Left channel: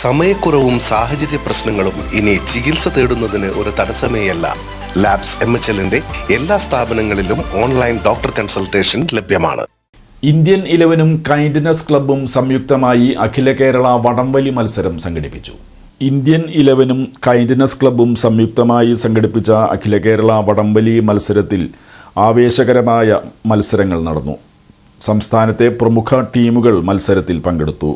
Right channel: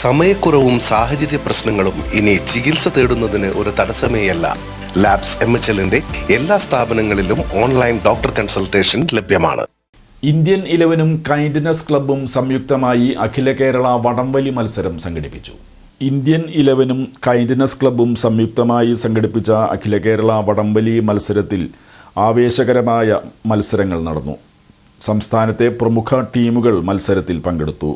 സമയക്കുറവും സാഹചര്യ പ്രശ്നങ്ങളും ഇനി ചികിത്സ തേടുന്നതിന് ഒരു തടസ്സമേയല്ല. ലാബ്സ് MHLന്റെ എല്ലാ സ്ഥാപനങ്ങളിലും ഓൺലൈൻ ഡോക്ടർ കൺസൾട്ടേഷൻ ലഭ്യമാണ്. ഇന്ത്യൻ 11ഉം കൈൻഡ്നെസ് ക്ലബ്ബും സംയുക്തമായി അഖില കേരള വടംവലി മത്സരം സംഘടിപ്പിച്ചു. ഇന്ത്യൻ 11ഉം കൈൻഡ്നെസ് ക്ലബ്ബും സംയുക്തമായി സംഘടിപ്പിച്ച അഖില കേരള വടംവലി മത്സരത്തിൽ ആവേശകരമായ മത്സരങ്ങൾ നടന്നു. സംസ്ഥാനത്തെ പ്രമുഖ ടീമുകൾ മത്സരത്തിൽ പങ്കെടുത്തു.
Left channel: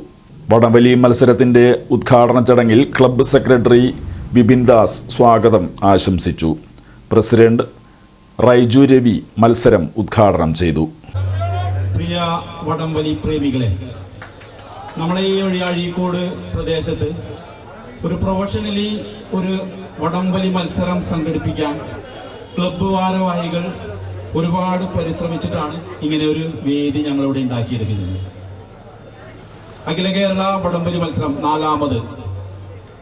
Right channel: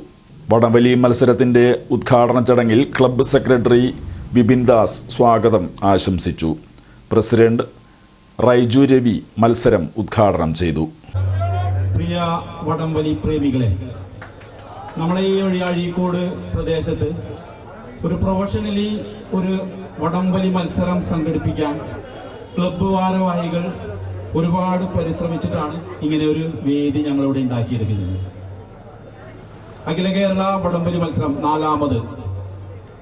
വടംവലി മത്സരത്തിന്റെ ഉദ്ഘാടന ചടങ്ങിൽ ക്ലബ്ബ് സെക്രട്ടറി വിപിൻ ദാസ് സ്വാഗതം ആശംസിച്ചു. പ്രസിഡന്റ് റൈജു രവി മത്സരം ഉദ്ഘാടനം ചെയ്തു. പ്രിയ വടംവലി പ്രേമികളെ, നമ്മളെ ഈ അഴീക്കോട് പ്രദേശത്ത് ഒരു പ്രൊഫഷണലി ഒരു വടംവലി മത്സരം സംഘടിപ്പിക്കാൻ ക്ലബ്ബ് ഭാരവാഹികൾ ഒരുപാട് പരിശ്രമിച്ചിട്ടാണ് ഇങ്ങനെ ഒരു വേദി ഞങ്ങളിവിടെ ഉണ്ടാക്കിയെടുക്കുന്നത്. അഖില കേരള വടംവലി മത്സരം 4ാമത്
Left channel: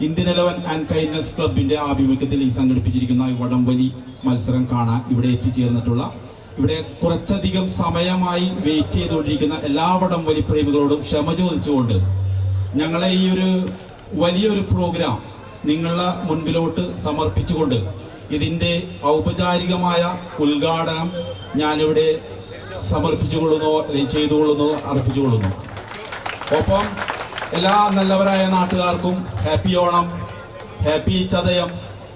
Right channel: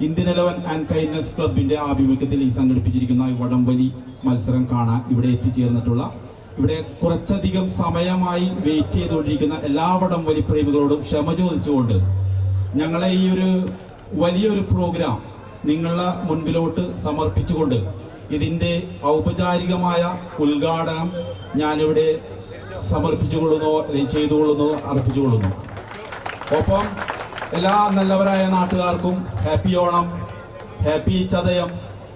ഇന്ത്യൻ 11 ആൻഡ് കൈൻഡ്നെസ് ക്ലബിന്റെ ആഭിമുഖ്യത്തിൽ ഈ സംഘടിപ്പിച്ചിരിക്കുന്ന ഈ വടംവലി മത്സരം കാണാൻ ഇവിടെ എത്തിച്ചേർന്നിട്ടുള്ള, ഇവിടെ കുറച്ചധികം സമയമായി വെയിറ്റ് ചെയ്തുകൊണ്ടിരിക്കുന്ന എല്ലാ വടംവലി പ്രേമികളോടും ക്ഷമ ചോദിച്ചുകൊണ്ട് ഞങ്ങളെ ഈ ഒരു വലിയൊരു പ്രോഗ്രാം നിങ്ങളുടെ മുൻപിലോട്ട് സമർപ്പിച്ചുകൊണ്ട് ഇതിന്റെ ഔപചാരികമായ ഉദ്ഘാടനം ഞാനിവിടെ സമർപ്പിച്ചുകൊള്ളുന്നു, അല്ലെങ്കിൽ ചെയ്തുകൊള്ളുന്നു, അർപ്പിച്ചുകൊള്ളുന്നു. ഒപ്പം എല്ലാ നല്ലവരായ നാട്ടുകാർക്കും ഹാപ്പി ഓണം, ഹാപ്പി ചതയം,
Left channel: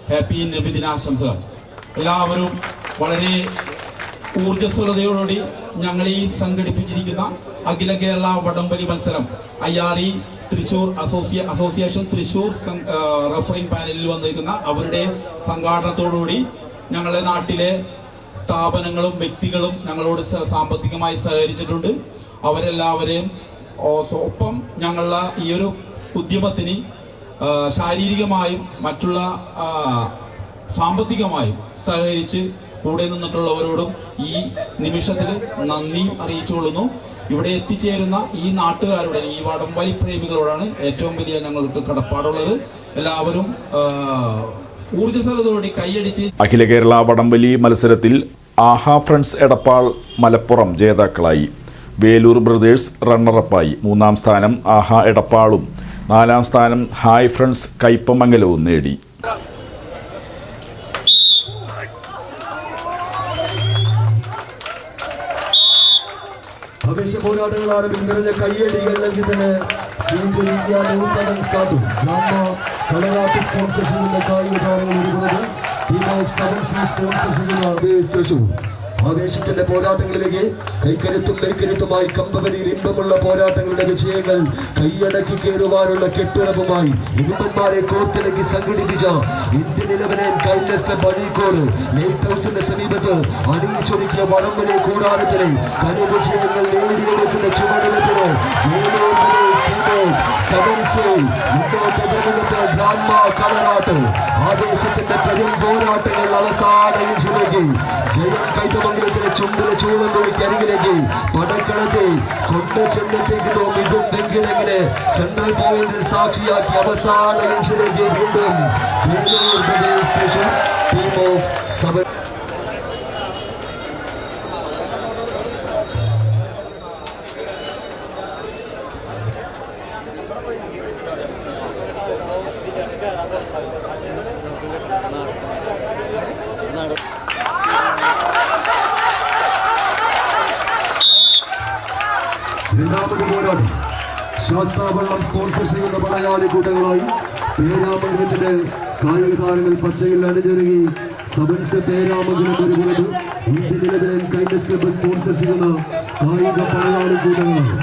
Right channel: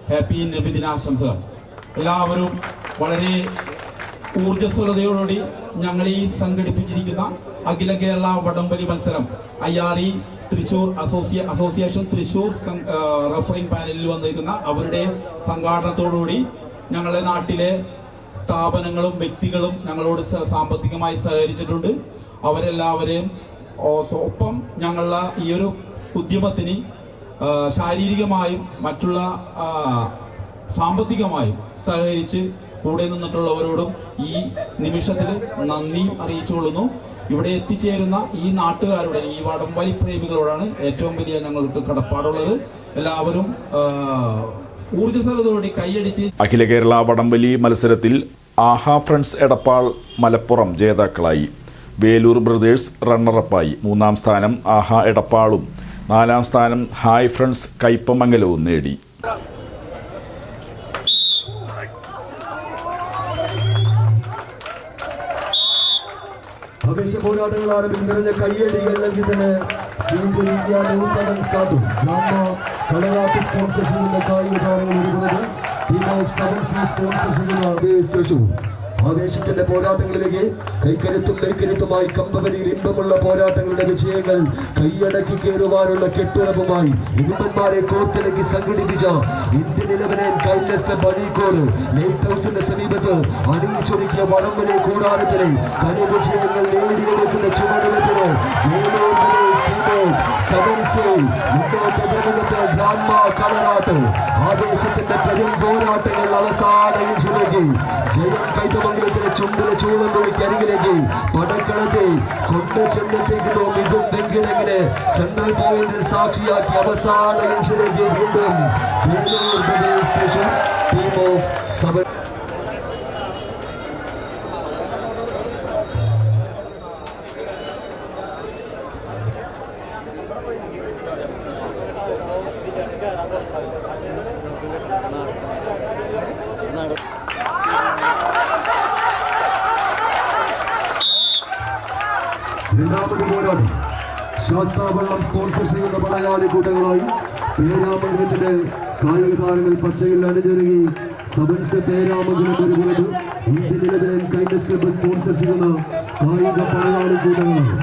ഹാപ്പി നബിദിനാശംസകൾ. എല്ലാവരും വളരെ ഊർജ്ജസ്വലതയോടുകൂടി ഞങ്ങൾ ഈ സംഘടിപ്പിച്ചിരിക്കുന്ന അഖില കേരള വടംവലി മത്സരം IRE Thrissur association Thrissur refereeing പാനലിൽ വന്നിരിക്കുന്ന അവരുടെ സംഘാടനത്തോടുകൂടി ഞങ്ങളുടെ നാട്ടിലെ സ്ഥാപനങ്ങളും വ്യക്തികളും ഞങ്ങളോട് സാമ്പത്തികമായി സഹകരിച്ചിട്ടുണ്ട്. അവരെല്ലാവരെയും ഒപ്പം ഞങ്ങളുടെ ഈ ഒരു ഉദ്യമത്തിന് ശാരീരികമായും മറ്റുള്ള സാമ്പത്തികമായും സഹകരിച്ച് കൂടെ നിന്നിട്ടുള്ളവരോടും ഈ നിമിഷത്തിൽ നന്ദി അറിയിച്ചുകൊള്ളുന്നു. ഇവിടെ എത്തിച്ചേരുന്ന ഈ നാട്ടുകാരുടെ, ഈ വടംവലി പ്രേമികളോടാണ് ഏറ്റവും വലിയ ഞങ്ങൾക്ക് കടപ്പാടുള്ളത്. എല്ലാവരും ഊർജ്ജസ്വലതയോടെ കൈയടിച്ച്. അഖില കേരള വടംവലി മത്സരത്തിൽ ആഹാ ഫ്രണ്ട്സ് എടപ്പാൾ മലപ്പുറം ജേതാക്കളായി. വേലൂർ ബ്രദേഴ്സ് റണ്ണറപ്പായി. 3ാം സ്ഥാനം ആഹാ എടപ്പാളും 4ാം സ്ഥാനം ഹായ് ഫ്രണ്ട്സ് കയ്പമംഗലവും നേടി. ആവേശ പോരാട്ടങ്ങൾ ആരംഭിക്കുന്ന കയ്യടികൾ നൽകി തന്നെ കളറാട്ട് സ്പോൺസർ ചെയ്യുന്ന കായിക താരങ്ങൾ ഒരുക്കുന്നത് ടീം ഓഫ് 7C സ്പോൺസർ ചെയ്യുന്ന ആവേശത്തിന്റെ പോരാട്ടങ്ങളിലേക്ക് കൈക്കരുത്തും മെയ്ക്കരുത്തുമായി കമ്പവലിയിൽ ഇമ്പമുള്ള പോരാട്ടങ്ങളുടെ വിജയങ്ങൾ കൈയടക്കി കയറുവാനുള്ള കെട്ടുറപ്പുമായി ഇരുമ്പന്മാരെ കോർത്തിണക്കി സംഘടിപ്പിച്ച Indian 11 and kindness club Azhikode light ഹൗസിന്റെ സമീപത്ത് അണിയിച്ചൊരുക്കിയ വടംവലി കൂടാരത്തിലെ കലവിജയങ്ങൾ നേടിയെടുക്കുന്ന ചുവടുവെപ്പിന് ആവേശത്തിന്റെ പെരും പോരാട്ടങ്ങൾ അവസാന ഇഞ്ചിലേക്ക് ജയം കൈപ്പമംഗലത്തിന് ചുണ്ടിലെ ചൂടം കരികിലേക്ക് പടക്കളത്തെ കൊണ്ട് ചെന്നെത്തിക്കുന്നു. ഇതും വെങ്കിടങ്ങിനെ സെൻട്രൽ പോയിന്റിൽ സാക്ഷിയാക്കി അവസാന ഇഞ്ചിലേക്ക് വീണ്ടും ടീം ഓഫ് 7. രണ്ടാമത് പോരാട്ടം ശാസ്താവള്ളം സ്പോൺസർ ചെയ്യുന്ന പടയാളി കൂട്ടങ്ങളായി പേരാമംഗലത്തിന്റെ കായിക താരങ്ങൾ പച്ചയിൽ അണിഞ്ഞൊരുങ്ങി. 7C പേരാമംഗലം ഒരുങ്ങുന്നത് Indian 11 and kindness club sponsor ചെയ്യുന്ന കായിക പടയാളി കൂട്ടങ്ങളായി.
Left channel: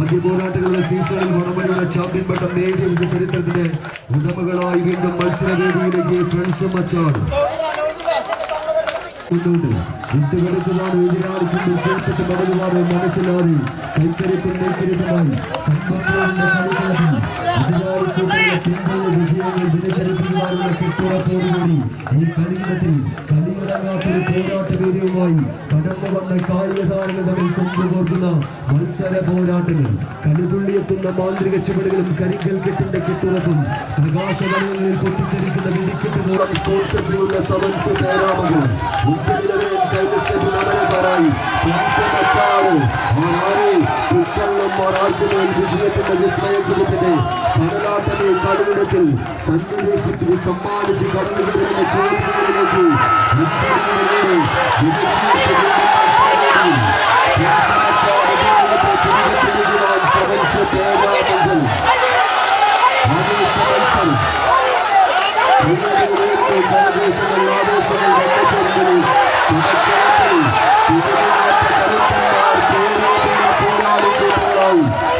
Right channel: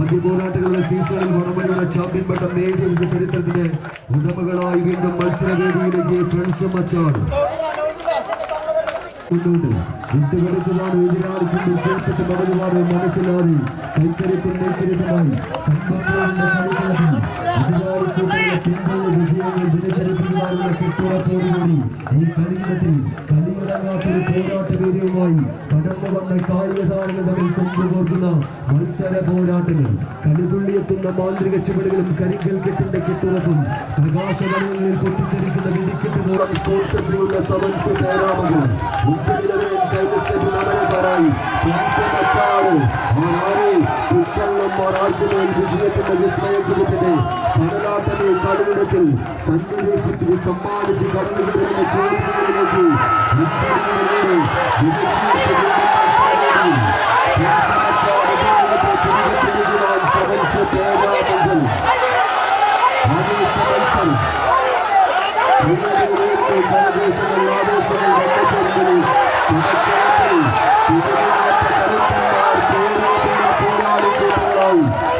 ആദ്യ പോരാട്ടങ്ങളുടെ സീസണിൽ വടംവലിയുടെ ചാമ്പ്യൻ പട്ടം നേടിയെടുത്ത ചരിത്രത്തിന്റെ ഉടമകളായി വീണ്ടും മത്സരവേദിയിലേക്ക് ഫ്രണ്ട്സ് മച്ചാട് വിട്ടുകിടക്കുവാനോ എതിരാളിക്കുമ്പോൾ കേൾക്കത്ത് മടങ്ങുവാനോ മനസ്സിലാറി കൈക്കരുത്തും മെയ്ക്കരുത്തുമായി കമ്പപ്പോഴുന്ന കളിക്കാട്ടിൽ എതിരാളിക്കൂട്ടുള്ള പിന്തുണ വിജയങ്ങൾ ദിനചരിപ്പിക്കുവാനുള്ള കെട്ടുറപ്പോടുകൂടി ഈ കളിയിടത്തിൽ കലിയടങ്ങാത്തൊരു പോരാട്ട വേദിയുമായി കടന്നു വന്ന കായിക താരങ്ങൾ തമ്മിൽ കൊണ്ടുപോകുന്ന മത്സര പോരാട്ടങ്ങൾ, കലിതുള്ളിയെത്തുന്ന മാന്ത്രിക ചുവടുകളും കരിങ്കൽ കെട്ടിന്റെ കെട്ടുറപ്പും പ്രകാശവലയങ്ങളിൽ പൊട്ടിത്തെറിക്കുന്ന വെടിക്കെട്ട് മൂലം സ്പോൺസർ ചെയ്യുന്ന 7C പേരാമംഗലം ഇന്ത്യൻ 11 കൈൻഡ്നെസ് ക്ലബ്ബിൽ അമരക്കാരായി ഫ്രണ്ട്സ് മച്ചാട് നായകന്മാർ ആർക്കുമേൽ വിജയത്തിന്റെ വിസ്മയക്കുതിപ്പിന്റെ കടലാട്ടമേ കടലിടത്തിൽ സന്നിവേശിപ്പിച്ച് സമ്മാനിച്ച് കടന്നു വരുന്ന ചോദ്യങ്ങളിലേക്ക്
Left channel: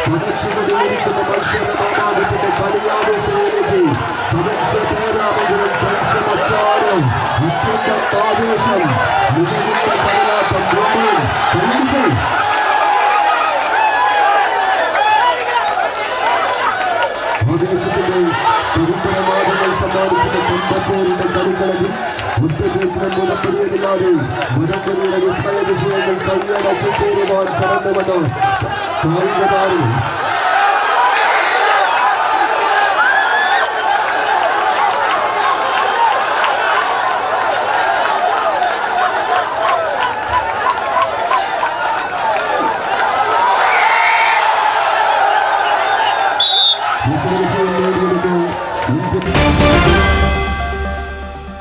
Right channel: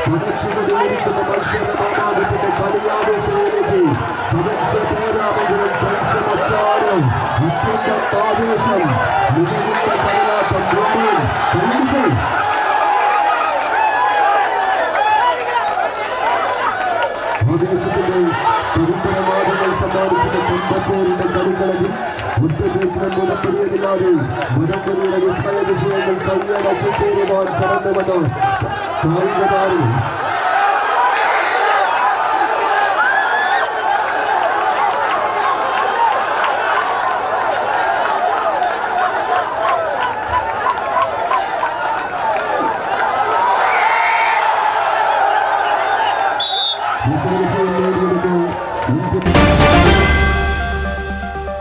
പടച്ചുകൊണ്ടിരിക്കുന്ന മത്സരമാമാകത്തിന്റെ കളിയാവേശങ്ങളിലേക്ക് സമൻസ് പേരാമംഗലം ജൽസമച്ചാരം അത്യന്തം ആവേശം മികവുറ്റ കടലാട്ടം കൈയടിച്ച് ആവേശത്തിന്റെ പരമ്പരമാർഗങ്ങൾ സമ്മാനിക്കുന്ന കുമ്പപ്പോരിന്റെ കളിക്കളത്തിൽ മുറ്റത്തേക്കിനും മുടപ്പടിയില്ലാതെ മുടപ്പടിയുടെ വിസ്മയ വിഷയങ്ങൾ കൈയടക്കി കയറുവാൻ കടന്നു വന്ന കായിക താരം വിഷയം നേടിയെടുത്ത് ഇന്ത്യൻ